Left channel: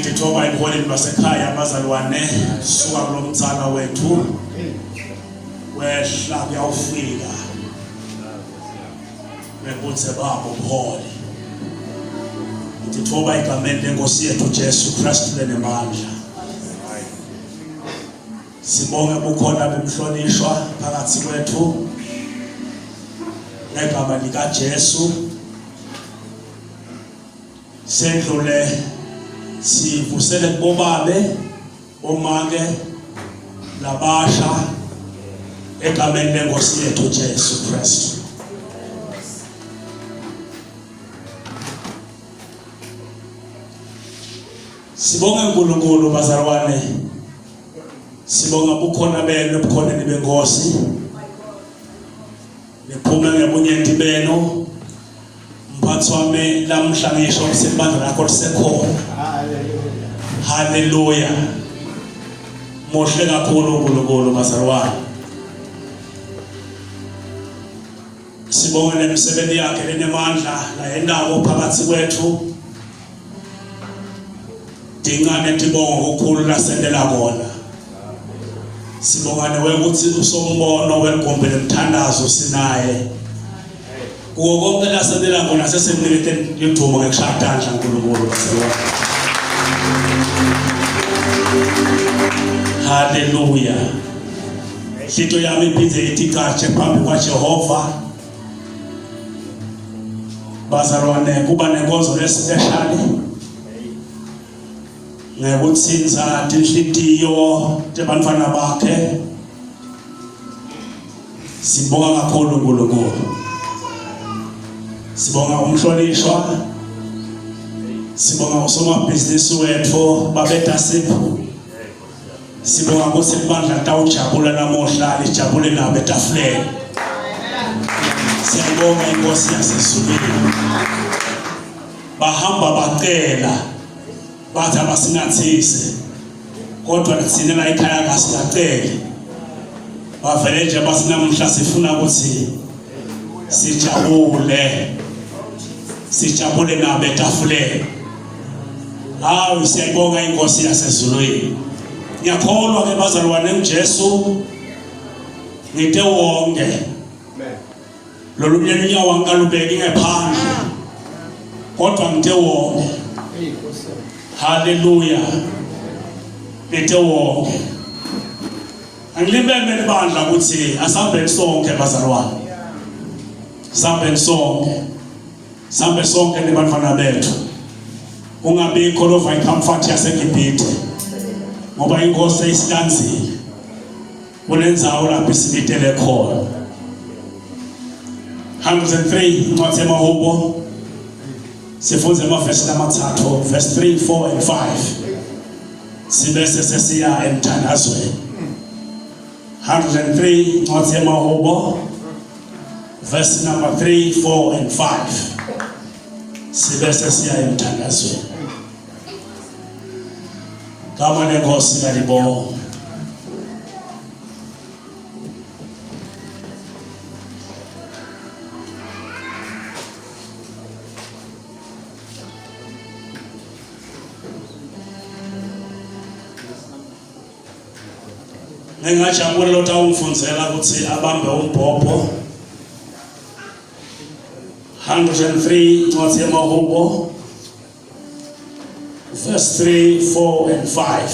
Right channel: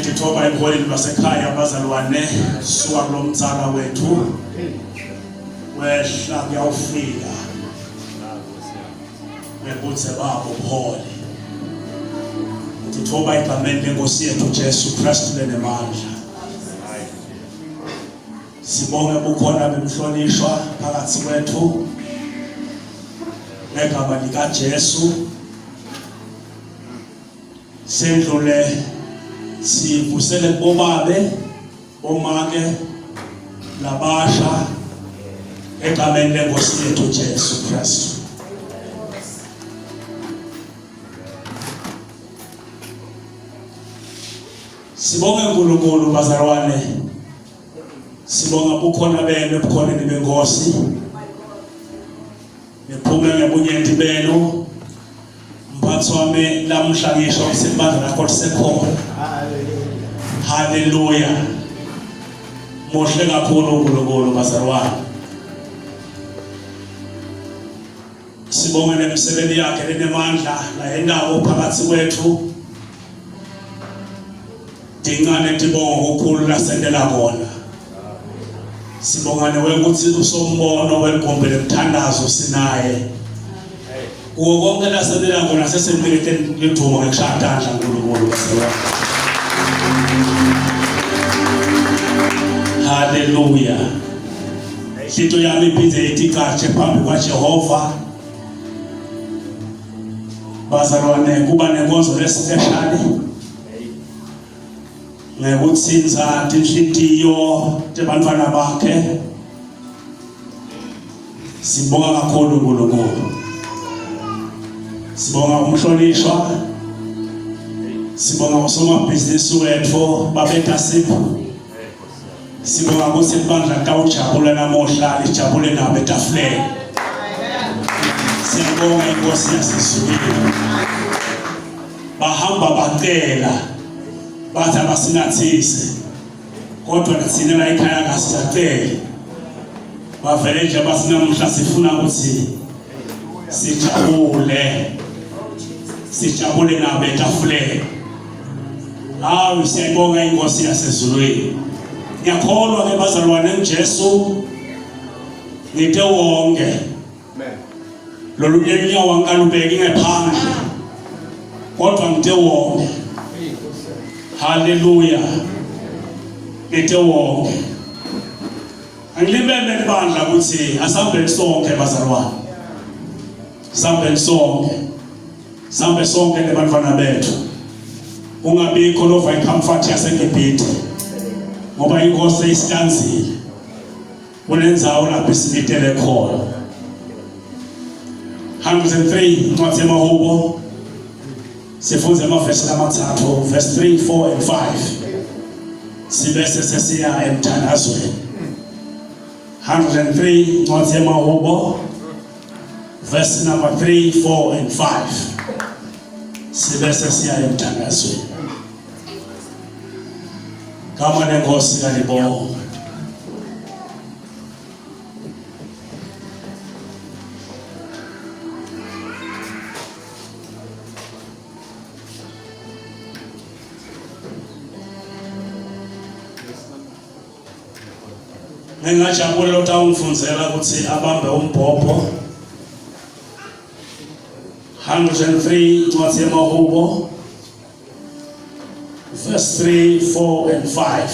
Ngithoba iholeni basekhaya abazalwane suka kulomzala wethu wehla kuyawufika bekuthi babo uphole. Ngithoba igameni lenkosi yethu Jesu Kristu lenemandla. Sibonge bukhona bemhlonishwa phakathi kwethu ngegama lika Jesu. Sendlule sivusele kubobabe bomake labasha egameni lenkosi yethu Jesu Kristu. Sibonge uNkulunkulu bazalwane. Sibonga bukhona benu ebukhoneni benkosi. Nephume ngebunyenti benu. Mphathi wami namhla ngisho umsebandla lakho lisekhona. Hallelujah. Muhle kakhulu uNkulunkulu bazalwane. Sibonga nemisebenzi yakhe lenemandla la endawo phakathi kwethu. Dingane tibongo ukukhulu lasendela kona. Sibonga newe ukuthi usombono wegombe lemthandazo sinaye. Kuwo konke lasendela kona sesemnikete lithumo ngekushadandla uNkulunkulu bazalwane. Hallelujah. Hlito yami iphindze itikache phambi kwaJehova. Bazalwane kuba nenkonzo lesipheshali. Ngekutsinza tinhlitiyo tebantfwana bakhe. Sibonga kakhulu uNkulunkulu. Sibonga umhlonishwa. Sibonga usomabhizinisi wethu babeta sipho. Sibonga ukuthi ibandla tawujabula namuhla lijabule nabo etafuleni. Siyabonga inkosi yasezulwini. Bahamba bacela bathi abasinathise kodwa thina la ekhaya kasicele. Bavele nje basinamuhla sifuna ukuthi sijabule nabo etafuleni. Hawu siyabonga inkosi yasezulwini. Ngiyakholwa ke bazalwane uJesu ngite wonke. Lolu nyawo angalubeki ngephandle. Kodwa ngite wonke. Hallelujah. Ngite wonke. Angilibeme libandla ukuthi asambe sonke bazalwane. Sambe sonke. Sambe sonke nebantwana bethu ungabikho lova icomfort yaseGibhithe ngoba inkosi isikanzile kunenzawo lapho isinitele khona. 103 incwadi yamaHubo sifunze amavesi amathathu verse 3, 4 and 5 sibese sesiya emthandazweni. 103 incwadi yamaHubo verse number 3, 4 and 5 sibese siya emthandazweni. Kama lenkosi kalibonga. Ngingajabula lo tawungifundzela ukuthi abambe umbhobho. 103 incwadi yamaHubo verse 3, 4 and 5.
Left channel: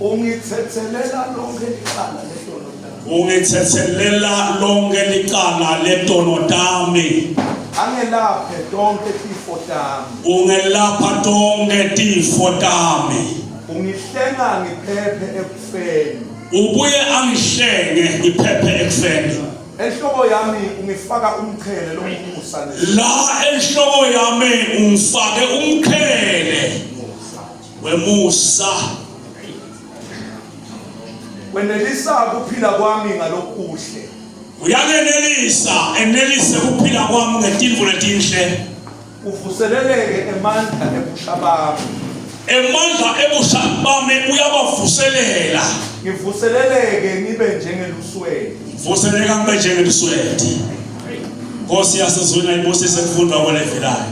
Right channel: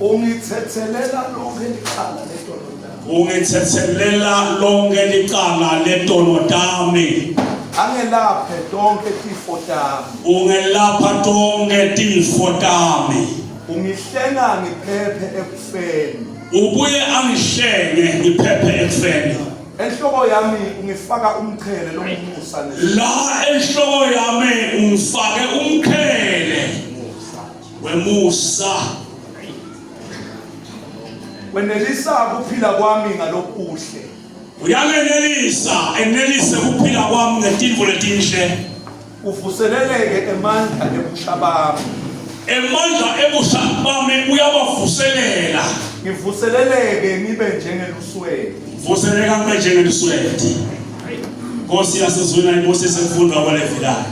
Ungithethelela lonke licala letono tami. Angelaphe tonke tifo tami. Ungelapha tonke tifo tami. Ungihlenga ngiphephe ekufeni. Ubuye angihlenge ngiphephe ekufeni. Enhloko yami ungifaka umqhele lomusa. La enhloko yami ungifake umqhele wemusa. Wenelisa kuphila kwami ngalokuhle. Uyangenelisa enelise kuphila kwami ngetinto letinhle. Uvuseleleke emandla ebusha bami. Emandla ebusha bami uyabavuselela. Ngivuseleleke nibe njengelusweti. Vuseleka ngibe njengelusweti. Nkosi yasezweni ayibusise ukufundwa kwalevelayo.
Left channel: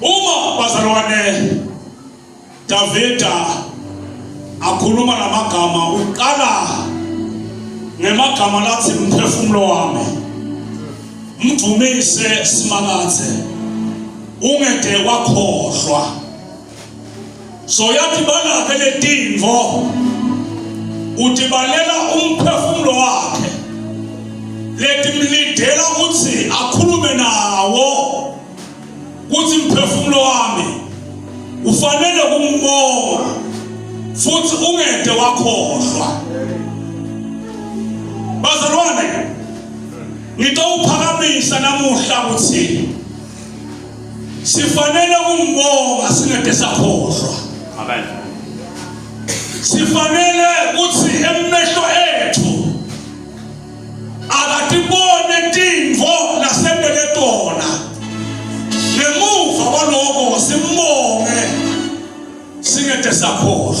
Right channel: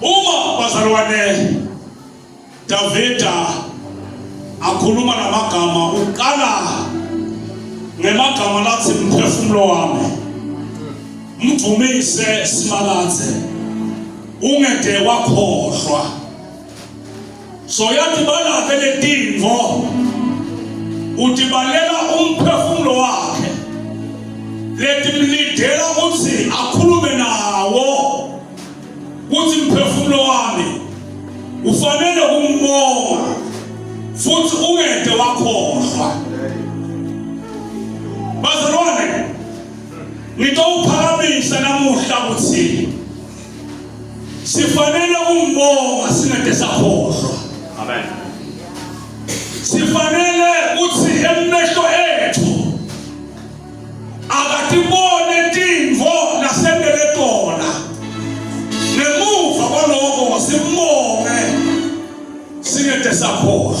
Uma bazalwane Davida akhuluma namagama uqala ngemagama lathi umphefumulo wami mvumise simakathe ungede wakhohlwa. So yathi balaphe letinvo utibalela umphefumulo wakhe letimlidela ukuthi akhulume nawo ukuthi umphefumulo wami ufanele ukumbonga futhi ungede wakhohlwa. Bazalwane ngitawuphakamisa namuhla ukuthi sifanele ukumbonga singede sakhohlwa. Amen. Sifanele ukuthi emehlo ethu akatibone tinvo lasendele tona. Ngemuva kwalokho simbonge singede sakhohlwa.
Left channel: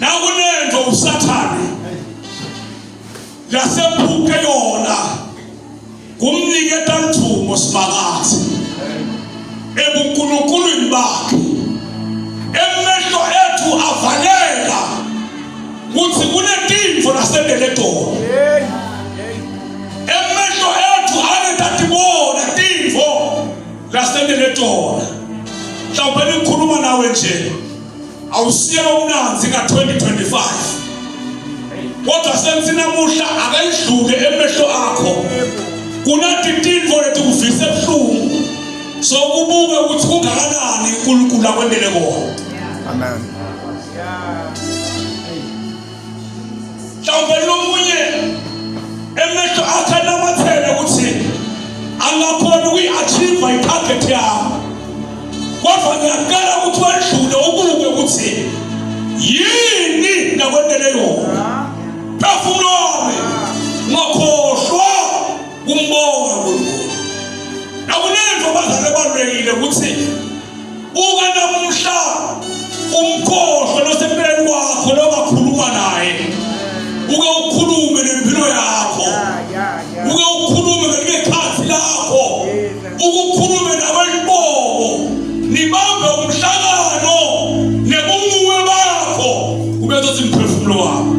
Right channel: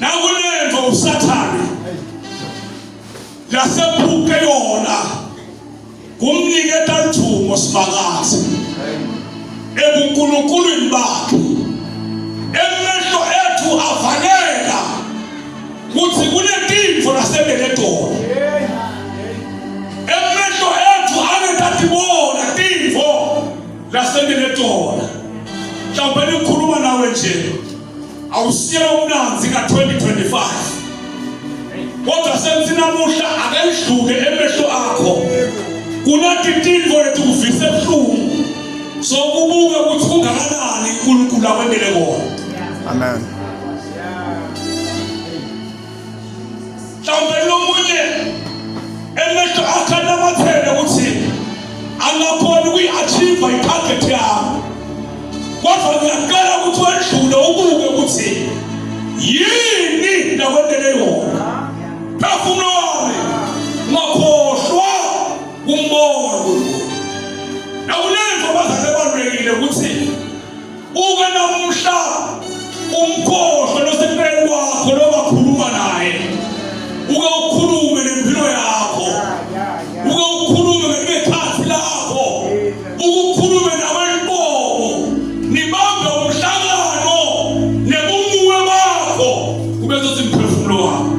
Nakunento usathane lasephuke yona kumniketa lithumo sibakathi ebunkulunkuluwini bakhe. Emehlo ethu avaleka ukuthi kunetinto lasendele tona. Emehlo ethu angetatibona tinvo lasendele tona. Mhlawumbe ngikhuluma nawe nje awusiye umnanzi ka-2025 kodwa sengithi namuhla akendlule emehlo akho kunathi tinvo letikuvise ebuhlungu so kubuke ukuthi kungakanani uNkulunkulu akwendele kona. Amen. Mhlawumbe lomunye emehlo akhe anamathele ukuthi angakhona ukuyi-achieve itarget yami kodwa ngiyakala ukuthi wendlule ubuke ukuthi yini nakwendele yona. Phefumulo wami ngakhohlwa kumbonga uNkulunkulu. Nakunento bazane balulekile ukuthi uke namuhla umkhohlwa losekupheleni kwakho lobakhuluma naye. Uke ukhulume nempilo yakho. Uke ukhulume ngekhathi lakho. Ukukhulume nabelibongo. Nibambe umhlangano nebumuwe bakho ubezothi umphefumulo wakho.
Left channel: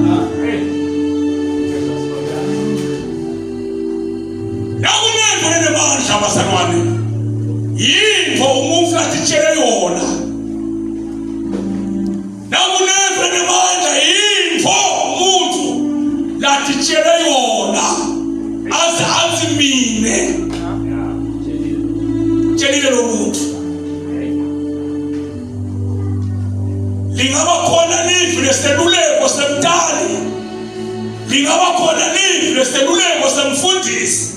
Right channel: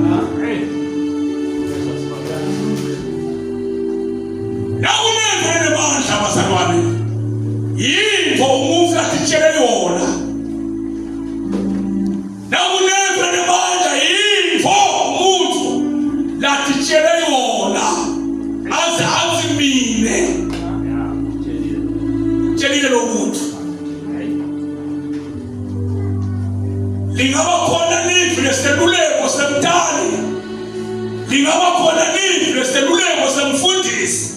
Nakunento enebandla bazalwane. Yinto umuntu atitshele yona. khona nivi leseluleko semntali, lingaba khona nivi leseluleko semfundisi,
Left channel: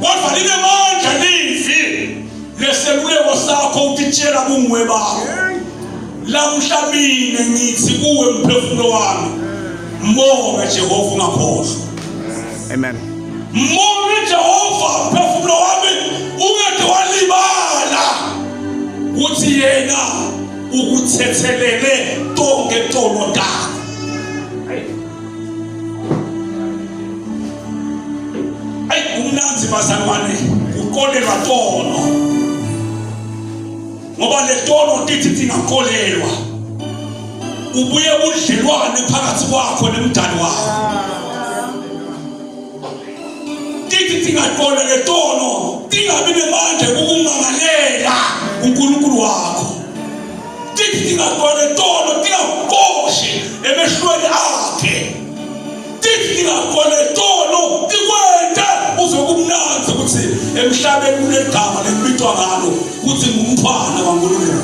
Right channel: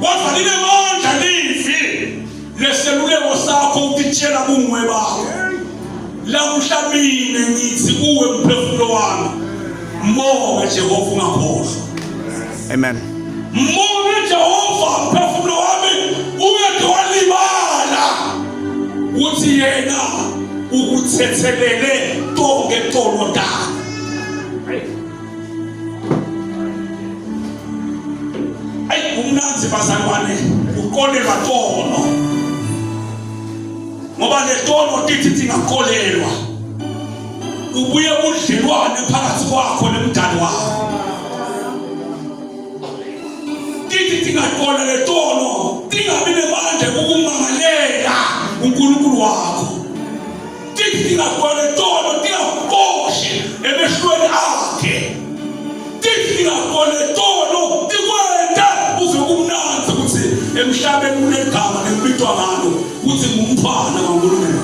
kodwa linemandla nivi leseluleko sakho ukutshela bungwe bakho. Lamhla mina ngithi kuwe mphefumulo wami, mbonga Jehova ungakhohlwa. Amen. Mbonga Jehova mphefumulo wami, ungeke walibala uthi yena ukuthethelele tonke tono takho. Ayi umnanzi bazalwane uqolelwa tono, ngoba le tono tithi tingakolelwa ubuye budlelwane phakathi kwakho nemndani wakho. Tithi tingakola le tono tingabi nemandla ukumangalela uNkulunkulu wakho. Tithi tingakola le tono tingakoshi emehlweni akhe. Tithi tingakola le tono tikwende uze kumnanzi ukuthi emhlabeni kunegama lebitwa ngalo ukuthi ngumntwana kaNkulunkulu.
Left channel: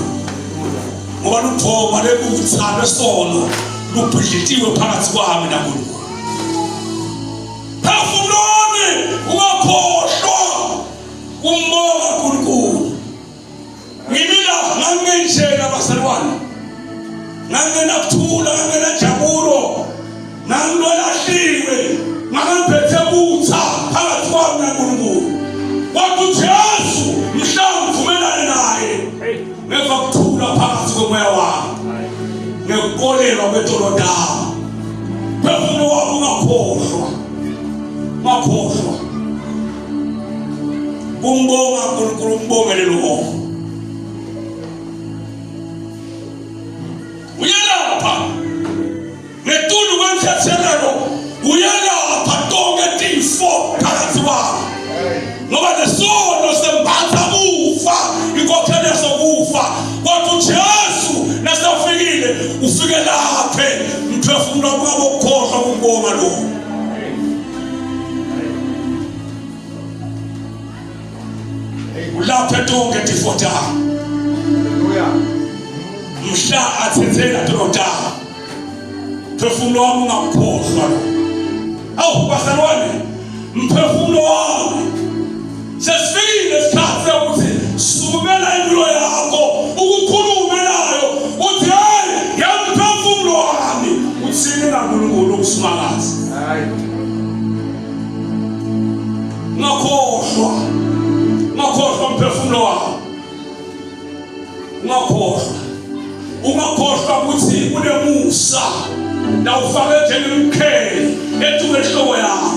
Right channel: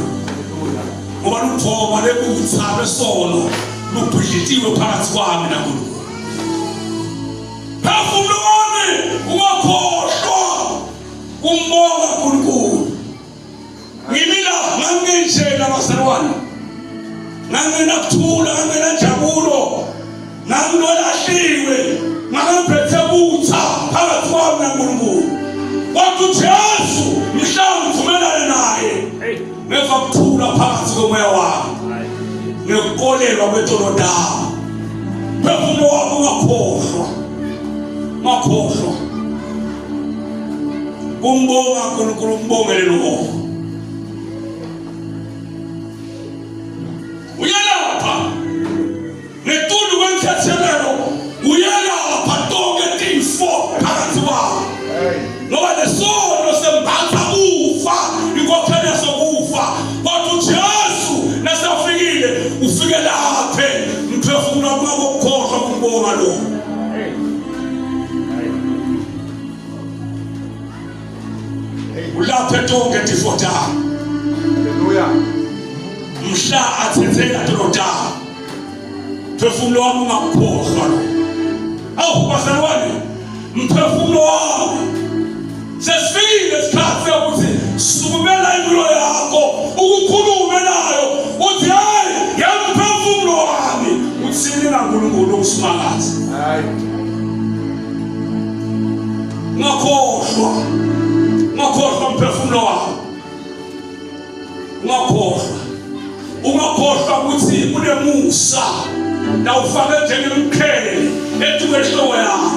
Ngoba luthoma lebuthalo esono lubhidlitiwe phakathi kwami naNkulunkulu. Phefumulo wami ungakhohlwa umbonga uNkulunkulu. Ngimila ngangenjena bazalwane, ngangenakuthula, ngangenajabulo, ngangilolahliwe, ngangiphethe butha phakathi kwami naNkulunkulu. Kodwa uJesu mhla ngivumelane naye, ngeva kuthula phakathi komoya wami, ngekukolelwa kwetolodaba. Phefumulo wami ungakhohlwa, ungakhohlwa. Umbonga uNkulunkulu, umbongele lo. Uyalapha netundu kwemthethelelo, uyalapha tonke tifo phakathi kwakho. Ngoba lesono sembatha kufa, inkokhelo yasokufa. Kodwa uJesu nasefikile ufike laphe mphefumulo wami ungakhohlwa ukumbonga lo. Ulaphe tonke tifo takho. Hallelujah. Mhla athethela tolodaba, mphefumulo wami ungakhohlwa lo. Awu bazalwane, mphefumulo wami sesifikile isikhathi sokuthi sukumela impilo yakho ukukhulume nayo uthi hayi yamphefumulo wami uthini kaNkulunkulu ukusimakaza. Ungakhohlwa, ungakhohlwa mphefumulo wami, ungakhohlwa. Ungakhohlwa ukuthi kunemusa la ufake njengemkheli etuke enhloko yakho.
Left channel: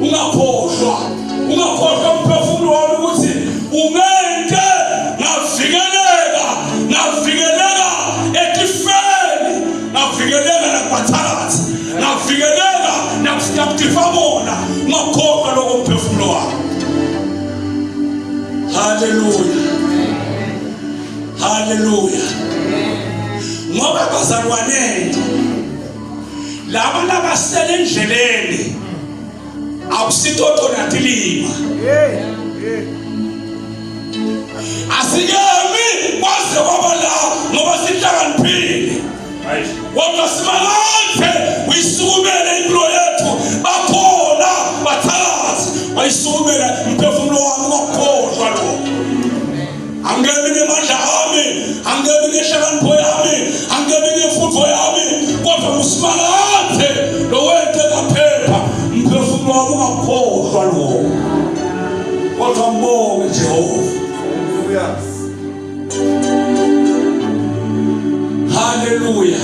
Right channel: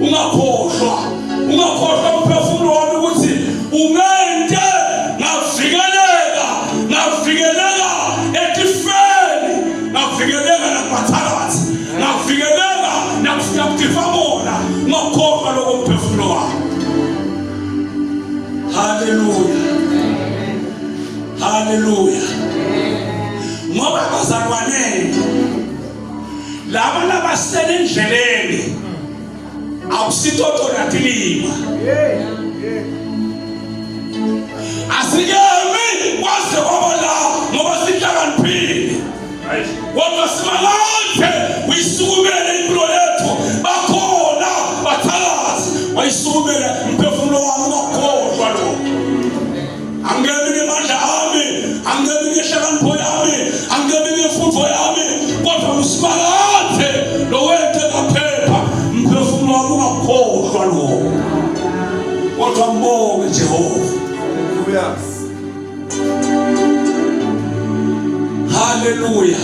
Ungakhohlwa, ungakhohlwa mphefumulo wami ukuthi ungente ngavikeleka etifeni, ngavikeleka nakubathakathi, ngavikeleka nakutifamona. Ungakhohlwa lokho mphefumulo wami. Hallelujah. Hallelujah. Ngoba bazalwane laba labasele endleleni awusitotho natilima. Asikemi kwaze kwaba la ngoba sihlakaniphile. Kodwa simalanje uyisukumele impilo yethu, bakhona bathakathi bayisukumele mphefumulo wami ungakhohlwa lo. Angeke ngemandla ami, angeke ngehlakanipho yami, angeke ngemfundo yami, kodwa usimakathe lo wente kaphepha mphefumulo wami ungakhohlwa lo. Kodwa mbonge Jehova. Hallelujah.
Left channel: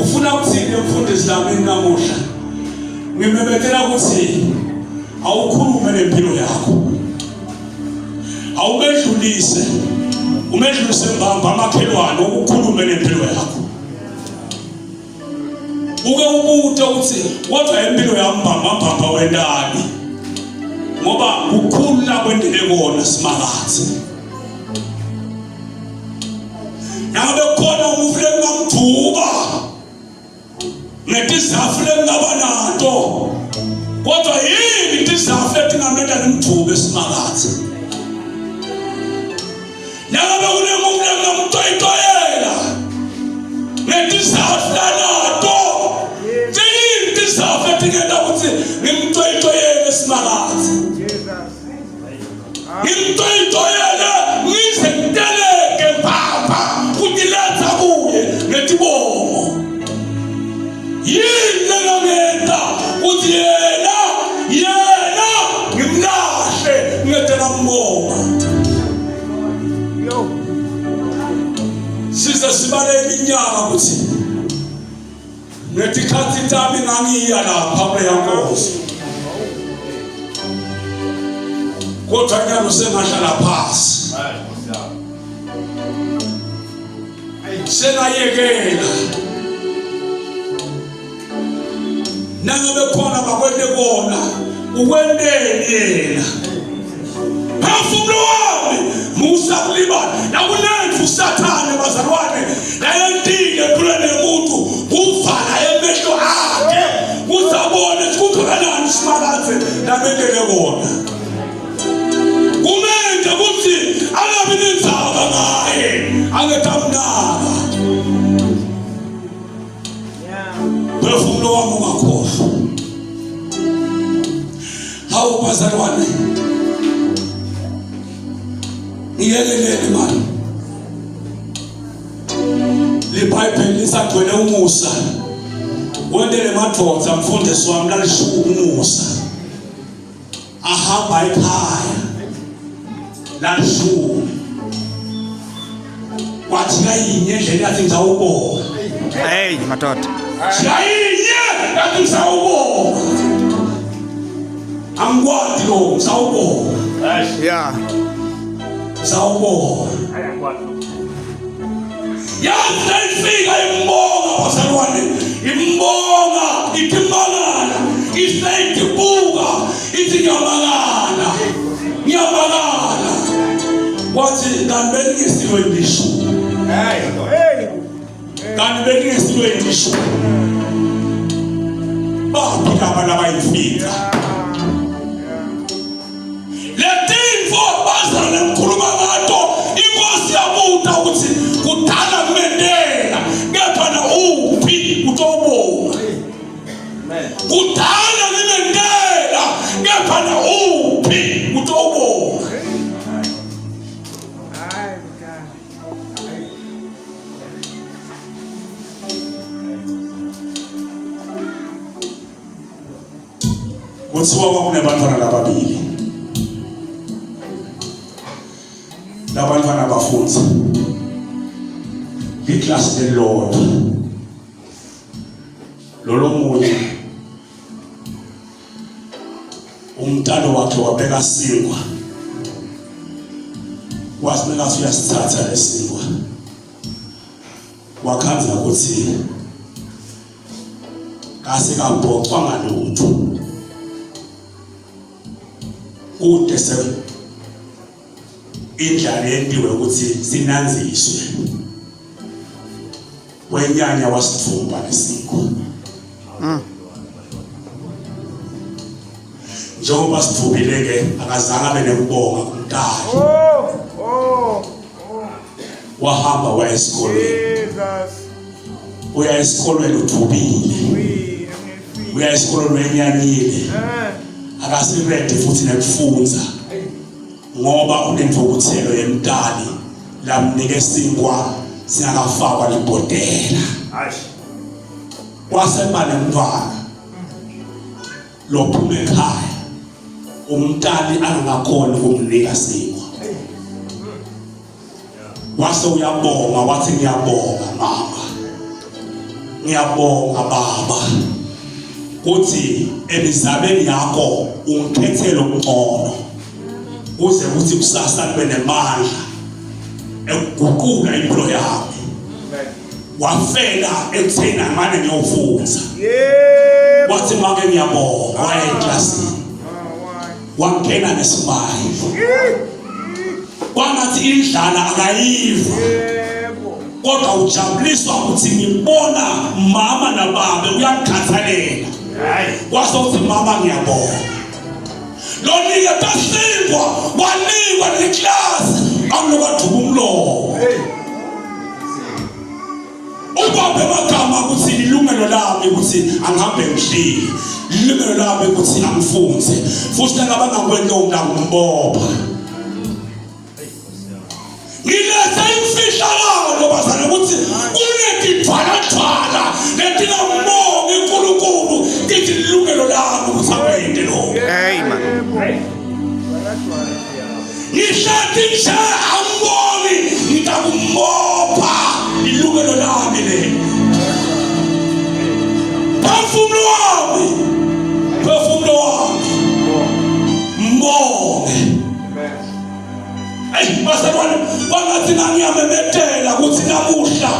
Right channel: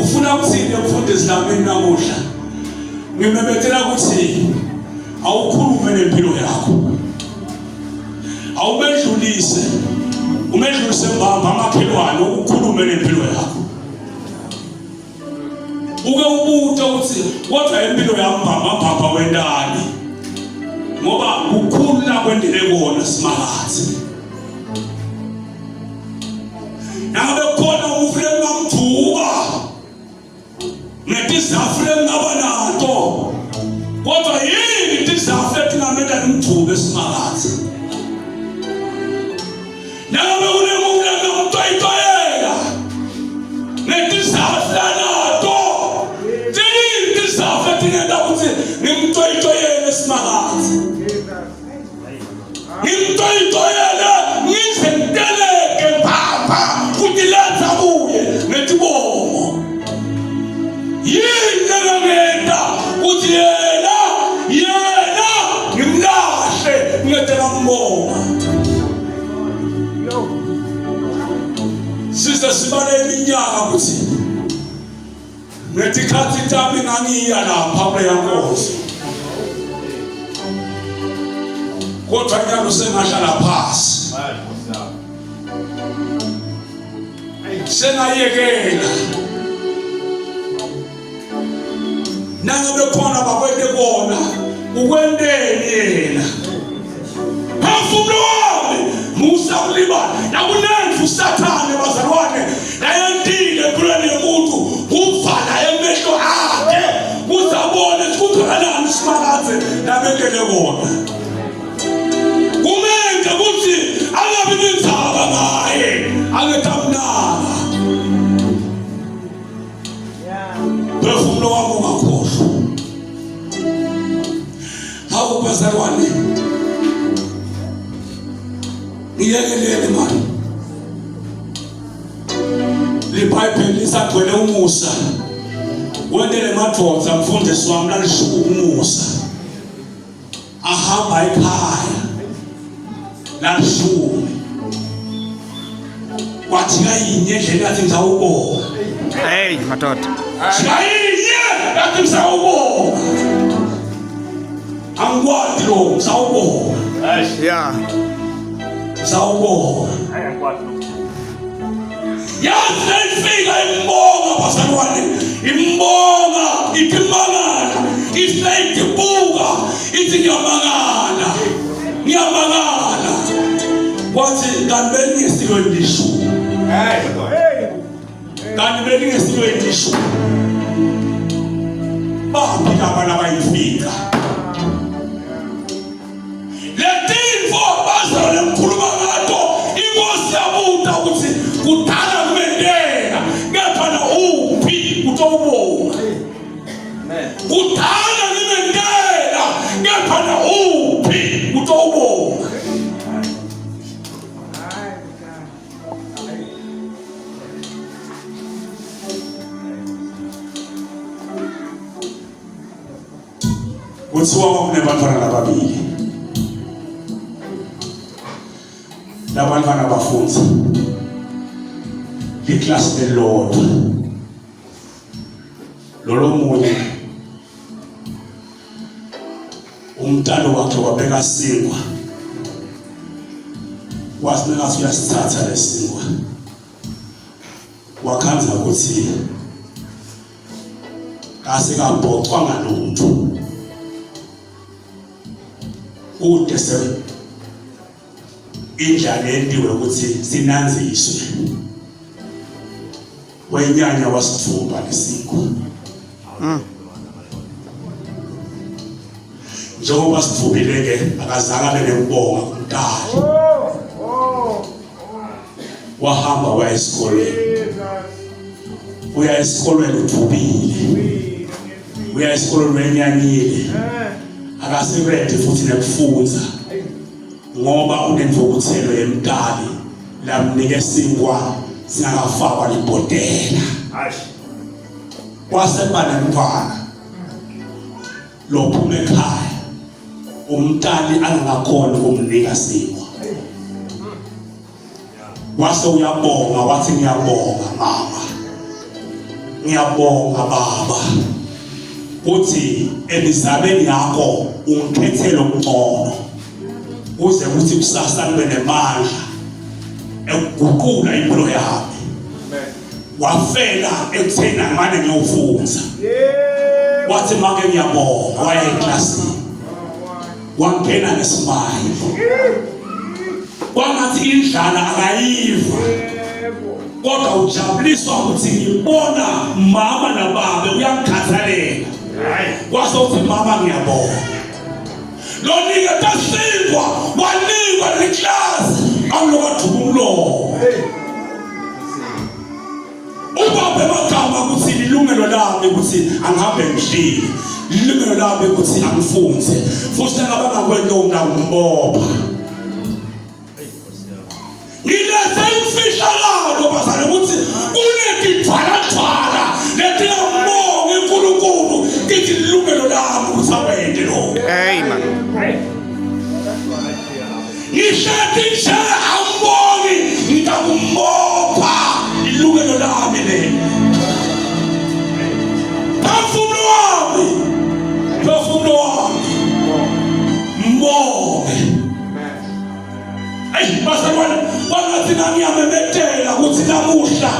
Ufuna ukuthini mfundisi nami namuhla? Ngimemethela ukuthi awukhulume nempilo yakho. Awumedlulise, umedlulise mbamba amakhelwane ukukhulume nempilo yakho. Uke ubuta uthi kodwa impilo yami mbamba wendani. Ngoba ukukhula kwendele kona simakathi. Nangabe khona umufule ngamthuka netizafule ngaba nato, kodwa yini tizafule tingameda nimthuke simakathi. Nangabe kunemuntu ngamtoyitoyela tizafla nato tizafla tingenda ukuthi ngimtoyitoyele simakazi ngimtoyitoyele ngizenteleke papa kutiletha kuye netibongo yini ngangenda ukuthi yena ngimlahle ngedela mbonga size sibale iminyaka ukuthi ngetikhathi tami ngangiya lapha kweyankosi kodwa nyalo sengahlala phasi senayekela nangabe khona bakwente kona ukwenteni yena phefumulo wami musa kulibala nakunenza usathane bazalwane layentile empilweni yomuntu kuvala emehlo akhe kuzabone kukanani isimakaze labekele kona kumenze ukuthi angabi nenzaba ngaye angetamnaka phefumulo wami ungakhohlwa hawu bazalwane iyekelele mani libhayibheli lisagcwele umusa wendele madoda mfundisi wami lalishuka umusa ahamba ekhaya lalishuka wathi kayinye endlela yathi ngizawubona hey madoda kayinye yathi ngizawubona angikwazi lo ngizawubona yeah ngizawubona yaze ifika imbonga bazalwane imbonga itimangana iseyibuka ithi ngiyamangana wathi kanti belingesilweni lishumi kanti belingesilweni lishumi bafika abantu abayifika letinfo bazalwane mkhuluma ngato inkosi yabuta ukuthi kudala kumendela kepha na uphi utobonga kudala kumendela kepha na uphi utobonga kuthiwa kwakunebantwana lababili labantwana bafundza iklasi lelodwa lolo munye umntalo wakhe wabeka singwa wasineka uyasithatha lesingwa wakhanza ukuthi kase kabhocwa ngalutho kude se indlela yentiwe ukuthi sinanziswe wenyanya wasithumba lesingwa njengoba sithubile-ke akazange abe nekubonga kumntali wahamba waya esikolweni uthubile uya esikolweni wenyanyile akasirede futhi nekufundza ngoba unemvukuthelo yemntali lamnike singwa singakafakwa libhodela kwaseba nemntwana lophuma ekhaya umntali angakhona ukumnika singwa wase uyabonga wathi ngiyabonga mama ngiyabonga baba uthi emizabeni yakho ungikhethele umqono uze ukuthi kusasa libe nemandla ekuguqula impilo yakho wafela ekutheni angane ngiyofundza wathi make ngiyabonga waya eklasini wangena nesimile kwangathi indlala akayiva kodwa ujabuliswa ukuthi ngibona mama nababa uyangikhathalela kwase uthi mama ngiyabonga lonike tasingwa wanikwa neklasi akulokaduka umlomo ubaba emakhaya ilungelo lami ukuthi angihambe ngishile, ilungelo lami ukuthi angifunze, futhi nangabangakwenza ngikumbopha. Ngiletha imfihlakalo bazana ukuthi kunetithwala letingamongi uNkulunkulu kithi ilungelo lami ukuthi akwende lokho. Amen. Ngihlathi nje ambongi ngitakumbopha ilungelo lami leli. Phefumulo wami mbonge. Ayi bazalwane bangathi ngiyamemethela ukuthi namuhla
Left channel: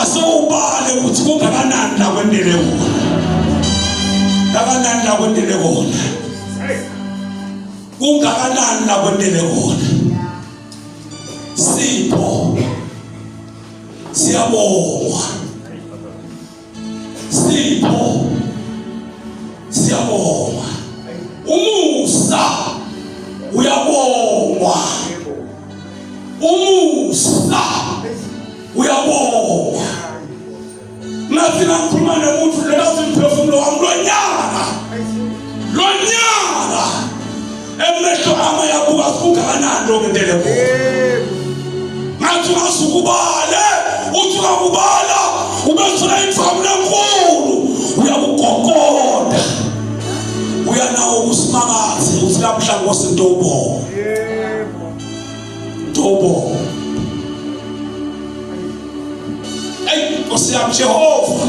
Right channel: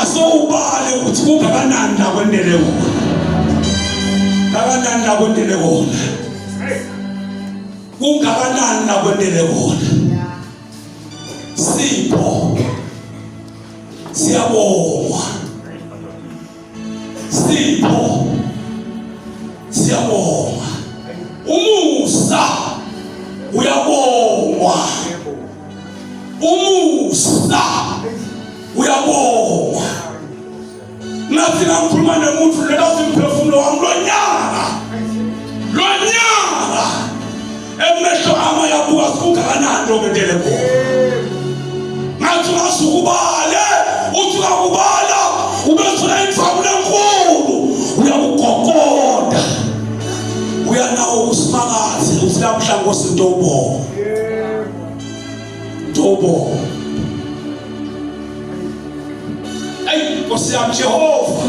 asowubale ukuthi kungakanani la kwendele wona. Kangakanani la kwendele wona. Kungakanani la kwendele wona. Sipho siyabonga. Sipho siyabonga. Umusa uyabongwa. Umusa uyabonga. Nathi ngikhuluma nomuntu lelathi umphefumulo wami lonyaka emehlo ama yabuka kungakanani lo kwendele khona. Ngathi ngasukubale uthi ukubala ubethola imfamu lenkulu uyabugogoda uyanawo usimakazi uthi lamhla ngosintobo tobo. Hey, Nkosi yami Jehova.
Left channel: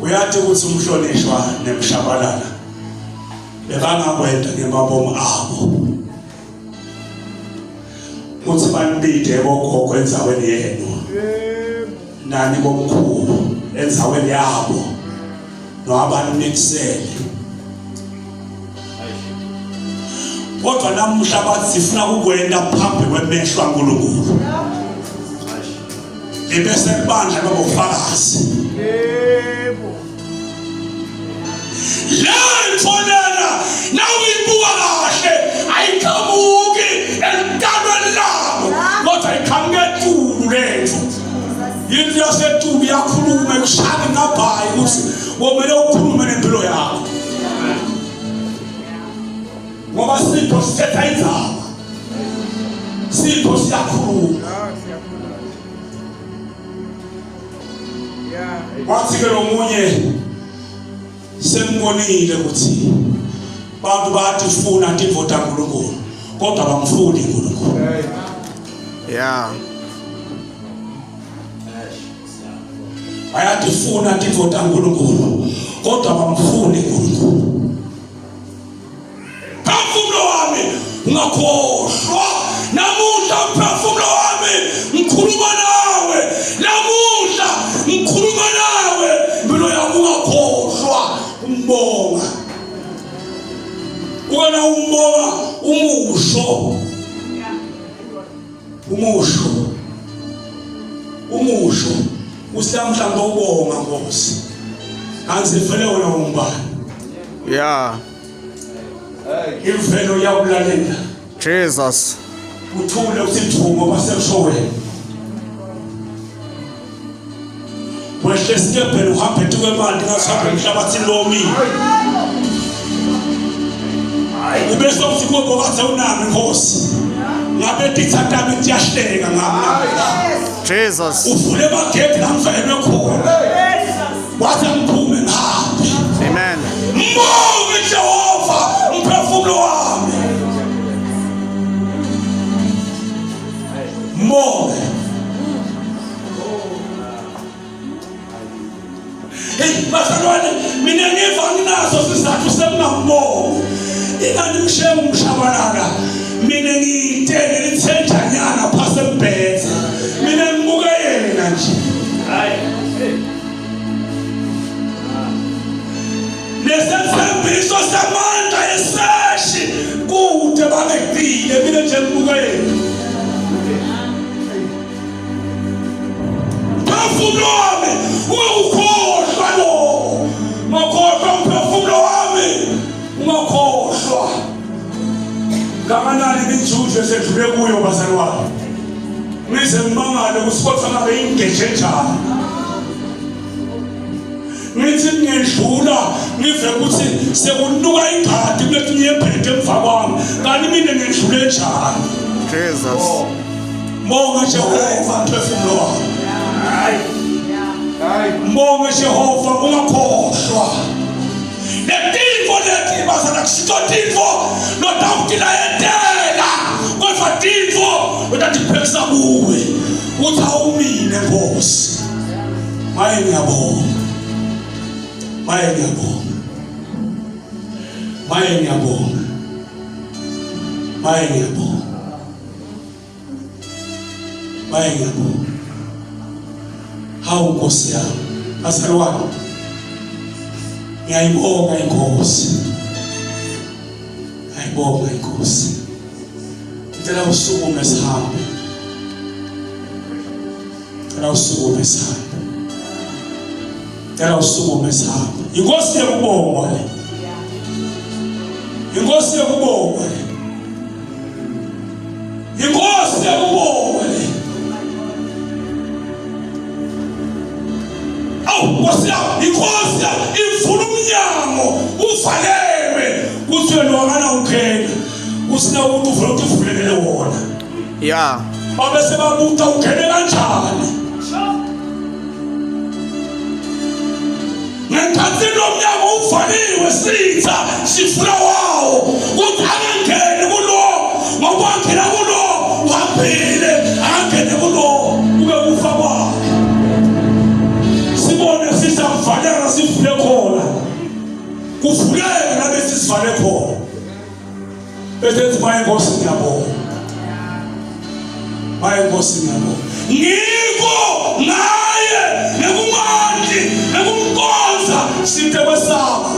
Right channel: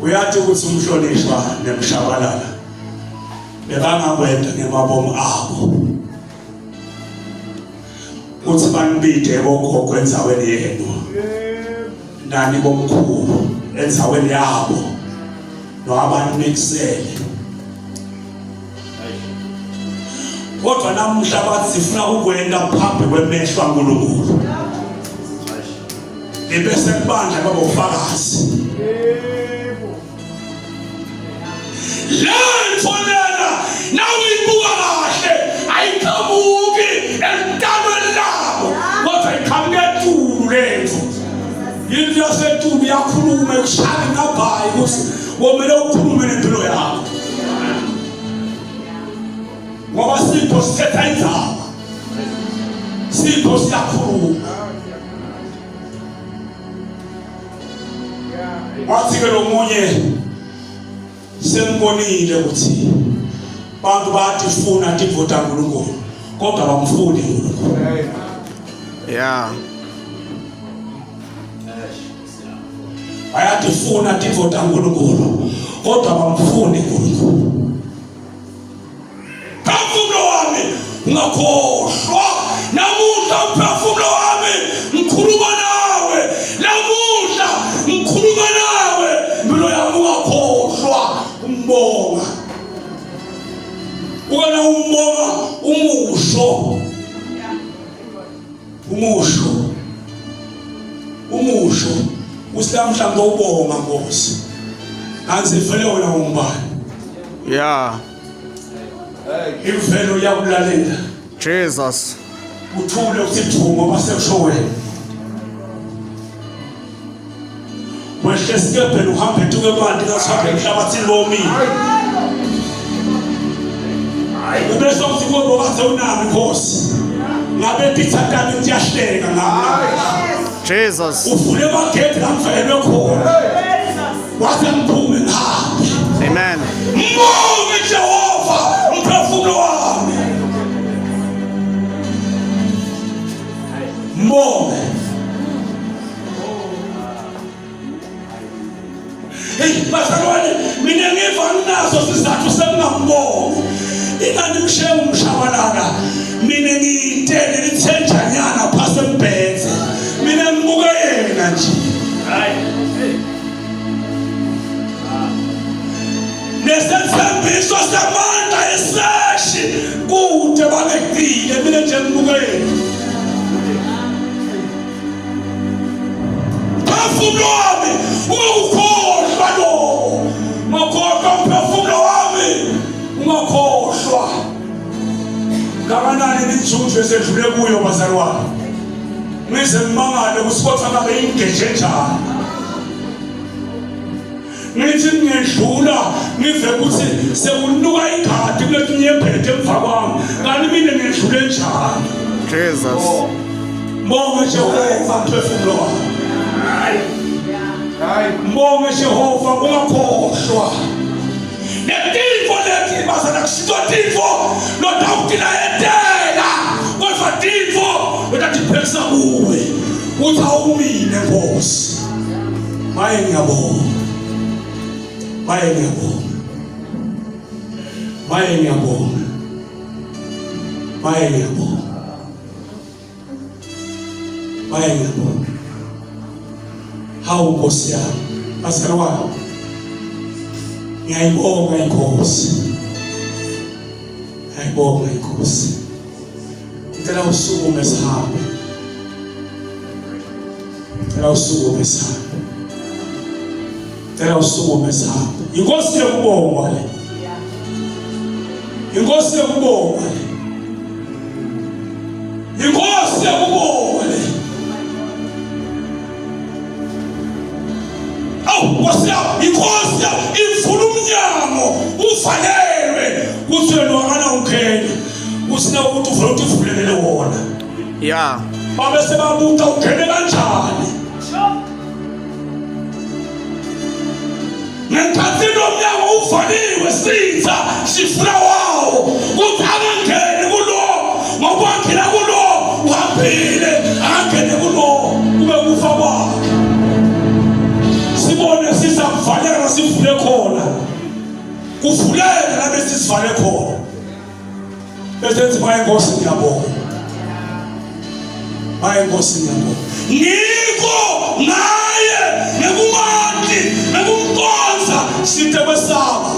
Uyathi ukuthi umhlonishwa nemshabalala bekangakwenda ngemabomo abo uthi banibide bogogo endzaweni yenu nani bomkhulu endzaweni yabo noabanimixele. Kodwa namuhla bathi sifuna ukwenda phambi kwemehlo kaNkulunkulu ebese kubandla baba ufakazi. Lentfonela nawuyibuka kahle ayikhamuki entabeni labo kodwa ikhamuketulu lethu. Yinto yasetulu yakhuluma ekushaya ngabhayi ukuthi womele ukhulume nempilo yakho. Ngoba Sipho sithetha indzaba. Sipho siyakhuluma. Wathi ke lo munye sembonile ukuthi bantu bayatifuna tivota uNkulunkulu kodwa bamfuni uNkulunkulu. Yeah. Bayatifuna tivota uNkulunkulu kodwa bamfuni uNkulunkulu. Phefumulo wami ungakhohlwa namuhla, phefumulo wami ngikhuluma nawe namuhla, ngikhuluma nawe impilo yami ungakhohlwa umbonga. Wena umbonga umusho usilamhla ngobonga Nkosi. Kanzi vele wena umbani? Yeah. Imvelo yakulalela. Jesus. Uthule usithumo basekusho wena. Wehle sikebhela uhambe tuke manje ngasabe emhlabathini lomile. Ubese usikho kwathi unami Nkosi. Ngabe dithatami ntiyahleka ngami. Jesus. Uvule bagedi ngamvelwe khona. Wathi ngiphume ngaphi. Amen. Mbonge Jehova umphefumulo wami. Mbonge. Hey, bazalwane mina ngiva nginazo sizathu semngambongo. Ingani mshiye umshabalala. Mina ngiyitele lithenjanyana phase mbethe. Mina ngibuka yena nje. Hayi. Nesenzembiso samandla eseshi kude babekile mina nje ngibuka yena. Phefumulo wami ungakhohlwa lo. Makhohlwa umphefumulo wami ungakhohlwa. Kanganani imijuju esedlule kuyo bazalwane. Ngize ngimangale kusikhotha ngabe ingeje njani. Ngithi ngedlula ngive ukuthi sekunuka ingadi kulethi nyembethe emva kwami. Kanti mina ngedlule njani. Jesus. Mbonge Jehova mphefumulo wami. Mbonge Jehova ungakhohlwa. Netifo leti bazana kusito tifo lotafutila yetela kodwa tifo lotatiphekisa kuwe uthi awumile Nkosi. Maye ngiyabonga. Maye ngiyabonga. Maye ngiyabonga. Maye ngiyabonga. Maye ngiyabonga. Hawu Nkosi yami. Bazalwane. Ngiyayibonga Inkosi. Ngiyayibonga Inkosi. Ngicela usukume sihambe. Ngicela usukume sihambe. Ngicela usukume sihambe. Inkosi yakubonga le. Inkosi yakubonga le. Inkosi yakubonga le. Nkosi yami, inkosi imvula umnyango uvalelwe kuthi wena wakana ungena usina ukuthi uvule ukuthi uvulekele wona. Yeah. Babe sebabuta ungene kanjani. Ngenkathini umnyango uvaliwe sitha sifuna wawo ukuthi angangeni kulo ngokwangena kulo uhambile angangene kulo kube kufa kwakhe. Sibone sisamvaleka sivule khona. Kuvuleke la bese sivale khona. Bese maye Nkosi ngiyabonga. Maye Nkosi ngiyabonga. Ngiko naye nekumandi nekumkonza sithe besaba.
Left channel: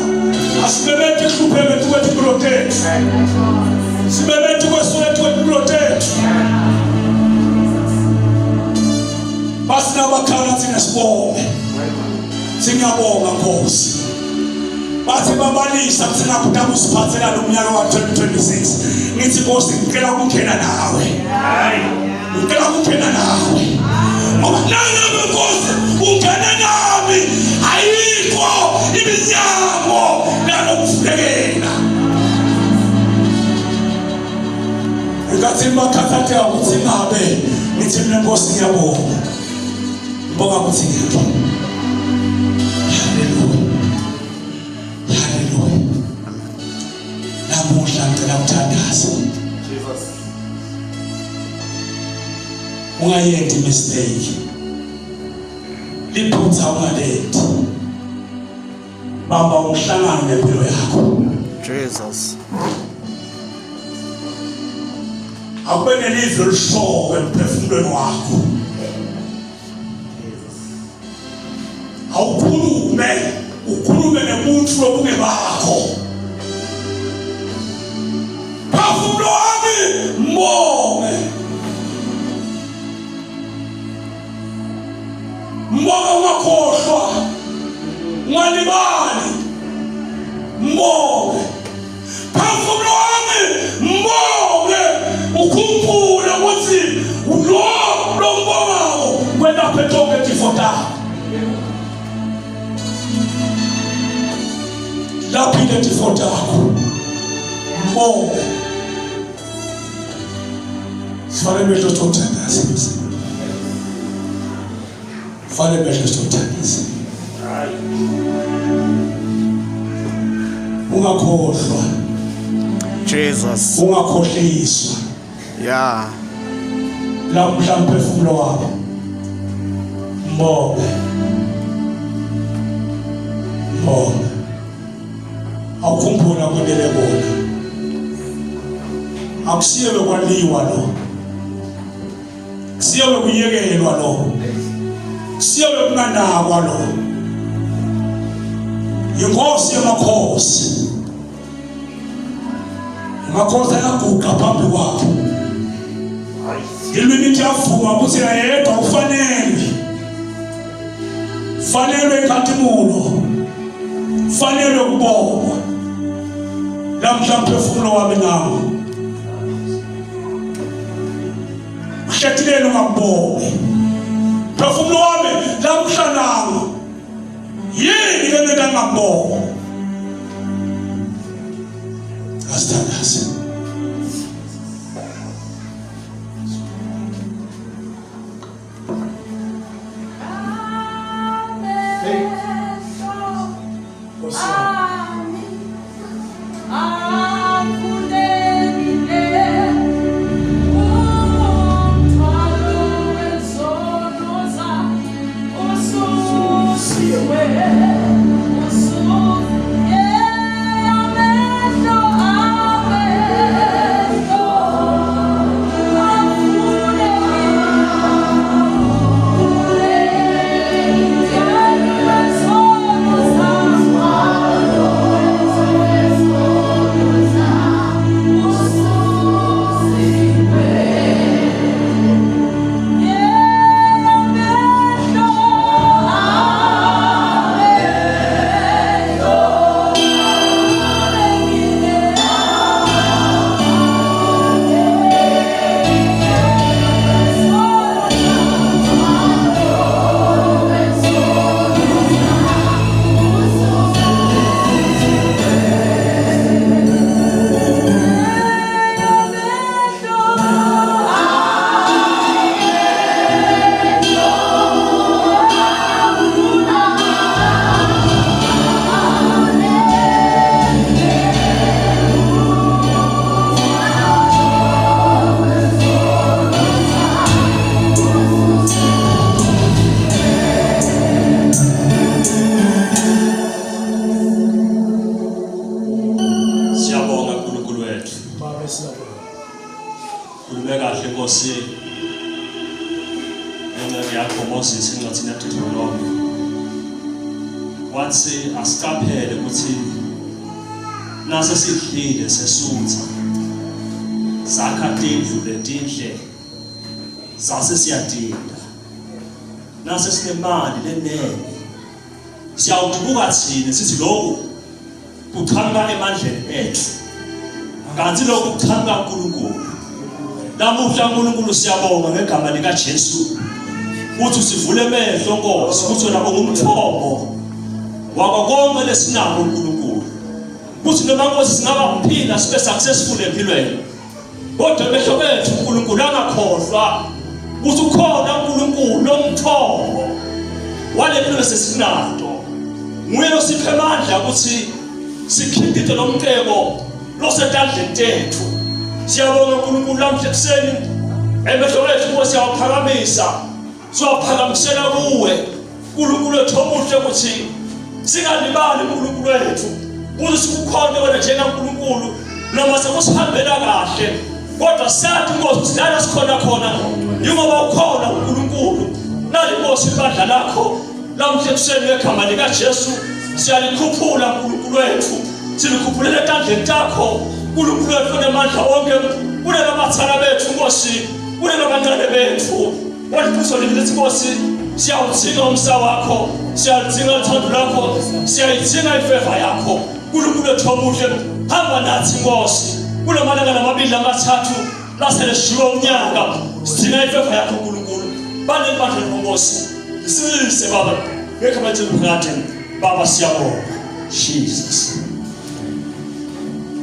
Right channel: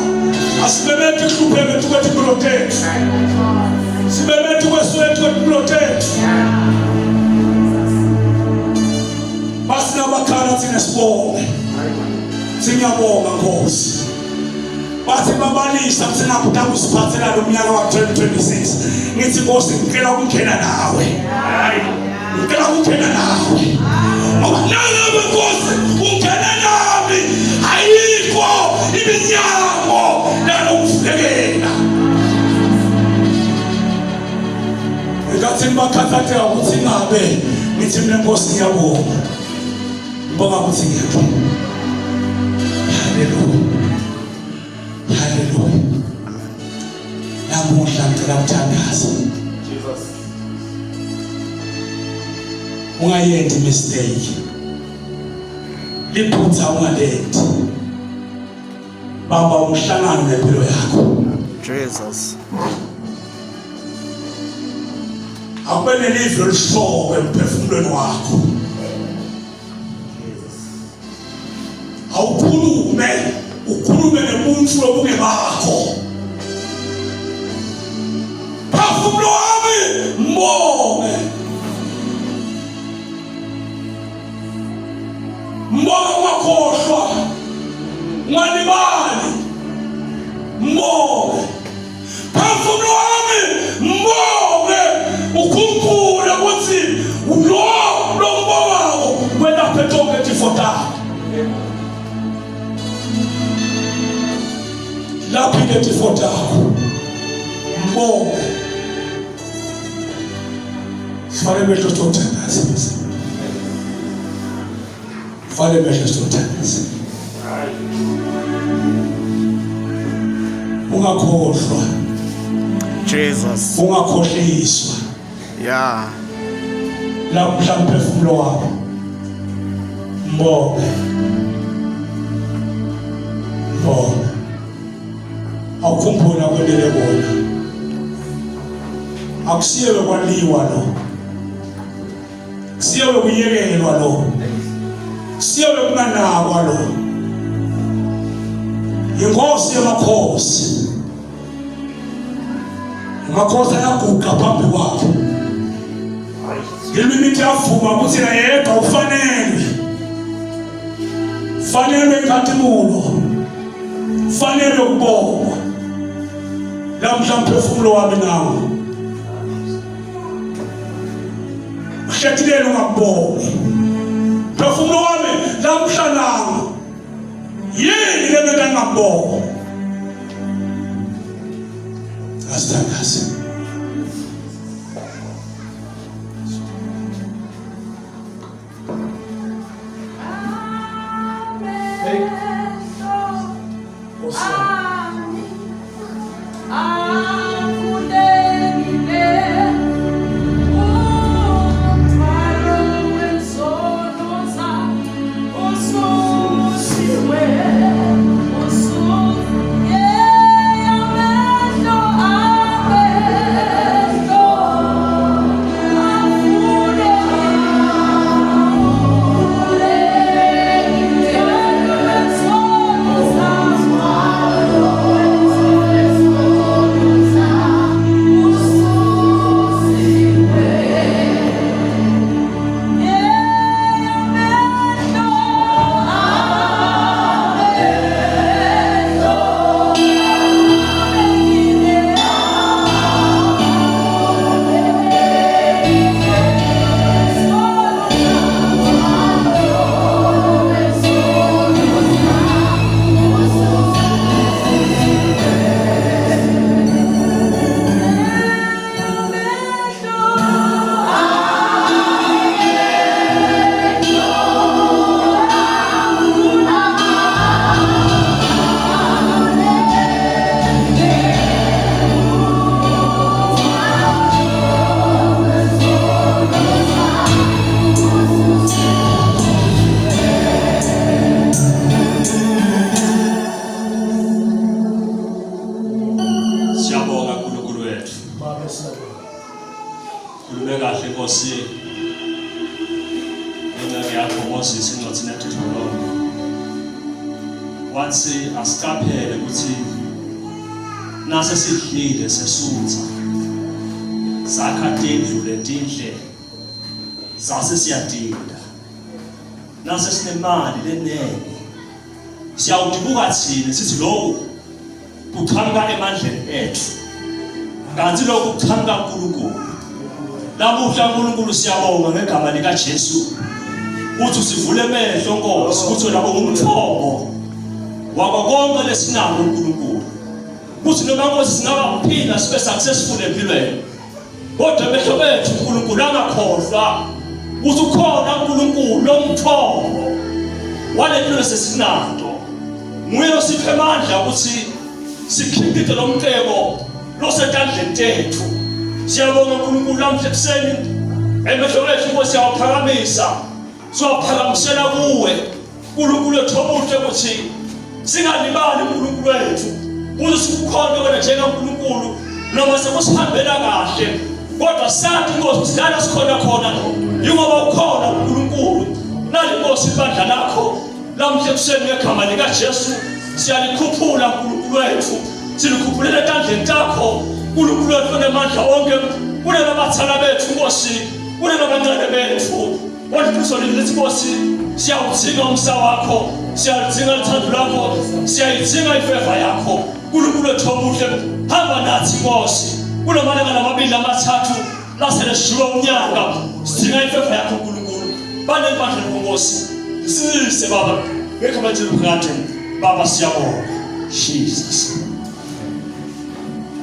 Asibebethe hlupheke tukwethi protect. Sibebethe kweswethu kwethi protect. Basina bakhala thina sibonge. Singiyabonga Nkosi. Bathi babalisa kuthina kuda kusiphathela lo mnyaka wa 2026. Ngithi Nkosi ngicela ukungena nawe. Ngicela ukungena nawe. Awunanga Nkosi ungena nami. Ayikho iminyango lokuvulekela. Ngathi bakhathathe ukuthi ngabe ngithi mina Nkosi ngiyabonga. Ngibonga ukuthi ngiyabonga. Hallelujah. Namuhla ngicela ukuthandaza. Ungayenzi mistake. Liphutha ungalenzi. Bamba umhlangano ngempilo yakho. Jesus. Akube nelizwi elishowe emphefumulweni wakho. Ukhulume nomuntu obunge bakho. Phefumulo wami mbonge. Mbonge wakhohlwa. Ngalibali. Mbonge. Phefumulo wami mbonge. Ukhumbule ukuthi lo mbongo wena phethoke tifota. Lapile tifota yakho. Mbonge. Fale mehlo sithandaza. Fale mehlo sithandaza. Ungakhohlwa. Jesus. Ungakhohliswa. Yeah. Lapho mhlawumbe phefumulo wakho. Mbonge. Mbonge. Awukhumbula kwelele bona. Akusiyewe kwaliwa lo. Siyewe kuyekelwa lo. Siyewe kunanakwa lo. Inkosi yamakhosi. Amakhosi ayaguqa phambi kwakho. Ilwimi liyavuma ukuthi yedwa ufanele. Fanele inkazimulo. Fanele ukubonga. Lamhla mphefumulo wami nami. mhlathilelo ngabonge phefumulo wami lamhlananga yini lento ngabonge asithandaze wathi asiqaphele ukuthi nase sidlile sesutha zakha tindlu letindle sase siyadinda nase sinemali lenene siyawudubuka thina sithi lokhu kuqhamuka emandleni ethu kanti lokhu kuqhamuka kuNkulunkulu namuhla uNkulunkulu siyabonga ngegama lika Jesu uthi sivule amehlo Nkosi ukuthi wena ungumthombo wako konke lesinako uNkulunkulu kuthi noma Nkosi singabaphinda sibe successful empilweni kodwa amehlo bethu uNkulunkulu angakhohlwa ukuthi ukhona uNkulunkulu lomthombo walempilo sesinato nguye osiphe amandla ukuthi sikhiphe lo mteko losetandleni tethu siyabonga uNkulunkulu namhla ekuseni emehlo ethu Nkosi siyawaphakamisa siwaphakamisela kuwe uNkulunkulu wethu omuhle ukuthi singalibali uNkulunkulu wethu ukuthi sikukhona wena njengaNkulunkulu noma sekusihambela kahle kodwa sathi Nkosi la sikhona khona ngoba ukhona uNkulunkulu nali Nkosi ibandla lakho lamhla ekuseni ngegama lika Jesu siyalikhuphula uNkulunkulu wethu silikhuphulele etandleni takho uNkulunkulu wethu ngamandla onke kulelo bathana bethu Nkosi kulelo bantwana bethu walibuso lithi Nkosi siyawudzinga umsa wakho siyalidzinga uthando lwakho siyayidzinga ifeva yakho uNkulunkulu wethu omuhle hamba nathi Nkosi kunomalanga namabili amathathu lasele sijula umnyaka sidinga ifeva yakho uNkulunkulu bane bandla Nkosi sisise baba ngegama lika Baba siyabonga Jesus